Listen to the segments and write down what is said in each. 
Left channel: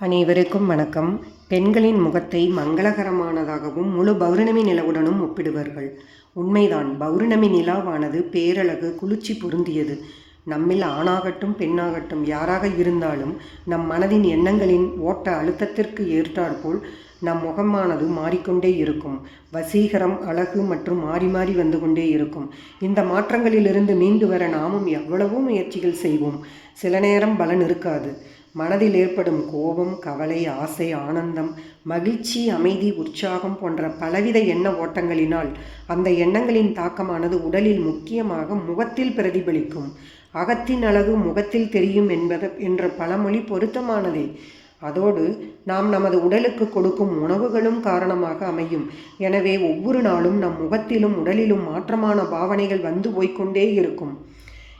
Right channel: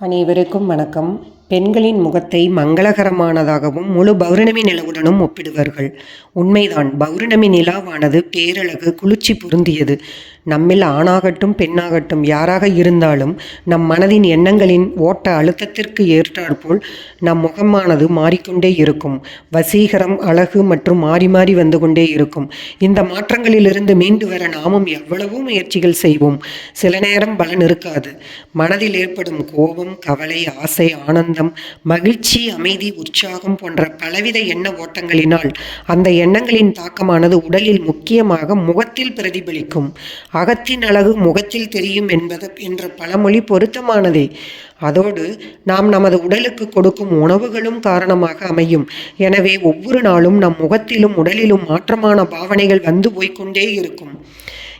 அனைவருக்கும் வணக்கம். பெண்களின் முகத்தை மங்களகரமானதாகவும் முழு பௌர்ணமி நிலவுடனும் ஒப்பிடுவார்கள். உண்மைதான். பௌர்ணமி நிலாவானது பேரழகு, குளிர்ச்சி பொருந்தியது. நம்மில் ஆணாகட்டும் பெண்ணாகட்டும் யாராக இருந்தாலும் நம் மனதின் எண்ணங்களின் ஓட்ட அழுத்தத்திற்கு ஏற்றாற்போல் நம் முகமானது மாறிக்கொண்டே இருக்கும். வசீகரம், அழகு மற்றும் மாறி மாறி வந்து கொண்டே இருக்கும். இந்த மாற்றங்களிலிருந்து மீண்டு வர நாமும் எவ்வளவோ முயற்சிகள் செய்வோம். சில நேரம் பலன் இருக்காது. மனதில் ஏற்படும் கோபம், கவலை, ஆசை, ஆனந்தம், மகிழ்ச்சி, அமைதி, உற்சாகம் போன்ற பலவித எண்ண ஓட்டங்களினால் அந்த எண்ணங்களின் தாக்கமானது உடலில், முக்கியமாக முகத்தில் பிரதிபலிக்கும். அகத்தின் அழகு முகத்தில் தெரியும் என்ற பழமொழி பொருத்தமானதே. அதோடு நாம் நமது உடலுக்கு கொடுக்கும் உணவுகளும் காரணமாக அமையும். எனவே ஒவ்வொரு நாளும் நம் முகத்திலும் உடலிலும் மாற்றமான பாவனைகள் வந்து போய்கொண்டே இருக்கும்.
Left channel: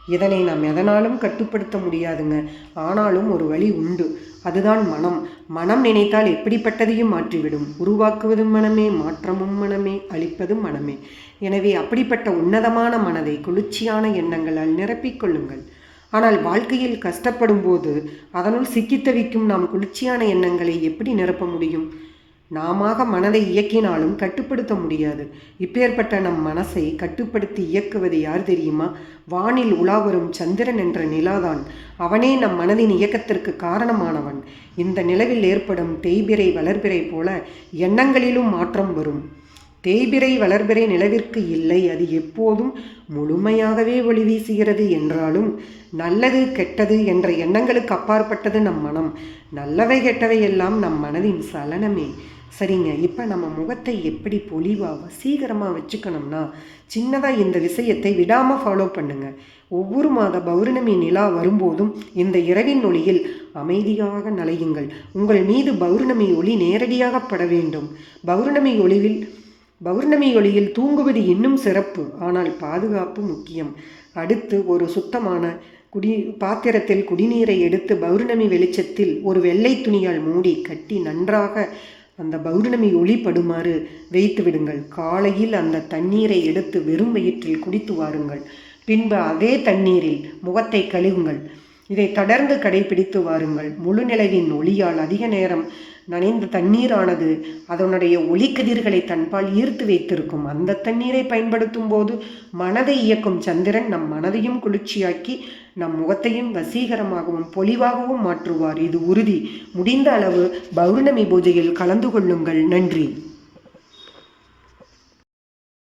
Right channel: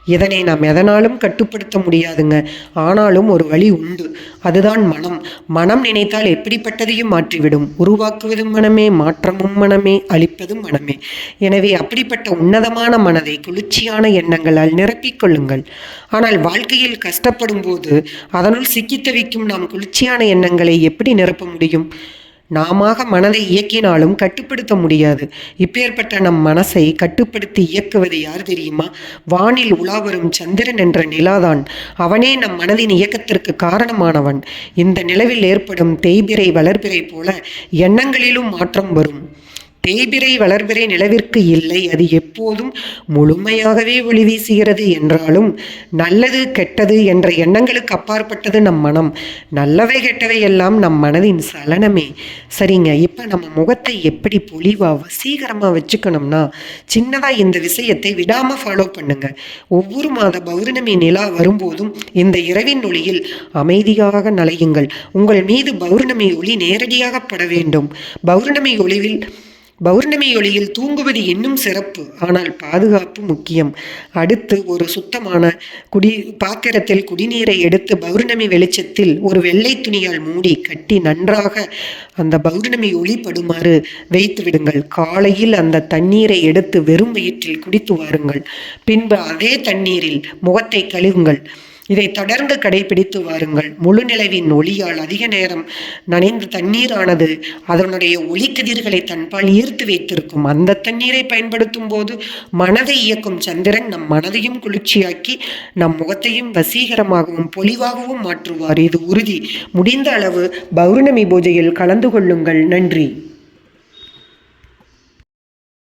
இதனை நாம் எதனாலும் கட்டுப்படுத்த முடியாதுங்க. ஆனாலும் ஒரு வழி உண்டு. அதுதான் மனம். மனம் நினைத்தால் எப்படிப்பட்டதையும் மாற்றிவிடும். உருவாக்குவதும் மனமே, மாற்றமும் மனமே, அழிப்பதும் மனமே. எனவே அப்படிப்பட்ட உன்னதமான மனதை குளிர்ச்சியான எண்ணங்களால் நிரப்பிக்கொள்ளுங்கள். ஆனால் வாழ்க்கையில் கஷ்டப்படும் போது அதனுள் சிக்கித் தவிக்கும் நாம் குளிர்ச்சியான எண்ணங்களை எப்படி நிரப்ப முடியும்? நாம மனதை இயக்கினாலும் கட்டுப்படுத்த முடியாது. இப்பேற்பட்ட நம் மனசை கட்டுப்படுத்தி இயக்குவது யார் தெரியுமா? வானில் உலாவரும் சந்திரன் என்ற நிலாதான். அவனே நம் மனதின் இயக்கத்திற்கு காரணமானவன். இந்த நிலவில் ஏற்படும் தேய்பிறை வளர்பிறை போல எண்ணங்களிலும் மாற்றம் வரும். தேய்பிறை வளர்பிறை நிலவிற்கு இல்லை. அது எப்போதும் முழுமையாகவே ஒளி வீசுகிறது. என்றாலும் நல்லது கெட்டது என்ற எண்ணங்களுக்கு அப்பாற்பட்டது நம் மனம். நல்லவை கெட்டவை எல்லாம் நம் மனதின் சலனமே. சரிங்க, இப்போ நம்ம முகத்தை எப்படி பொலிவாக வசீகரமாக வச்சுக்கணும்னா, சின்னதாக இந்த விஷயத்தை விடாமல் ஃபாலோ பண்ணுங்க. ஒவ்வொரு மாத பௌர்ணமி நிலா வரும்போதும் இந்த இரவின் ஒளியில் அமைதியாக நலையுங்கள். உங்கள் மீது பௌர்ணமி ஒளி நேரடியாக பட வேண்டும். பௌர்ணமி ஒளியில் தூங்குவது இன்னும் சிறப்பு. ஆனால் பாதுகாப்பு முக்கியம். அடுத்து ஒரு சுத்தமான பாத்திரத்தில் குடிநீரை எடுத்து பௌர்ணமி வெளிச்சத்தில் ஒரு வெள்ளை துணியால் மூடி கட்டி நன்றாக அந்த பௌர்ணமி ஒளி படுமாறு வைத்து விடுங்கள். காலையில் அந்த தண்ணீரை எடுத்து வெறும் வயிற்றில் குடித்து வாருங்கள். பின்பு அதே தண்ணீரில் முகத்தை கழுவுங்கள். இதை தொடர்ந்து கடைபிடித்து வாருங்கள். முழு நிலவின் ஒளியால் அதிக நேரம் நனைந்த தண்ணீரானது அதனுடைய ஒளிக்கதிர்களை தன்பால் ஈர்த்து வைத்திருக்கும். அந்த தண்ணீரை பயன்படுத்தும் போது மனதை இயக்கும் சந்திரன் நம் மனதையும் குளிர்ச்சியாக்கி நம் முகத்தையும் வசீகரமாகவும் பொலிவாகவும் மாற்றுவார். இது உறுதி. முடிந்த அளவு பௌர்ணமி பூஜையில் கலந்து கொள்ளுங்கள். நன்றி.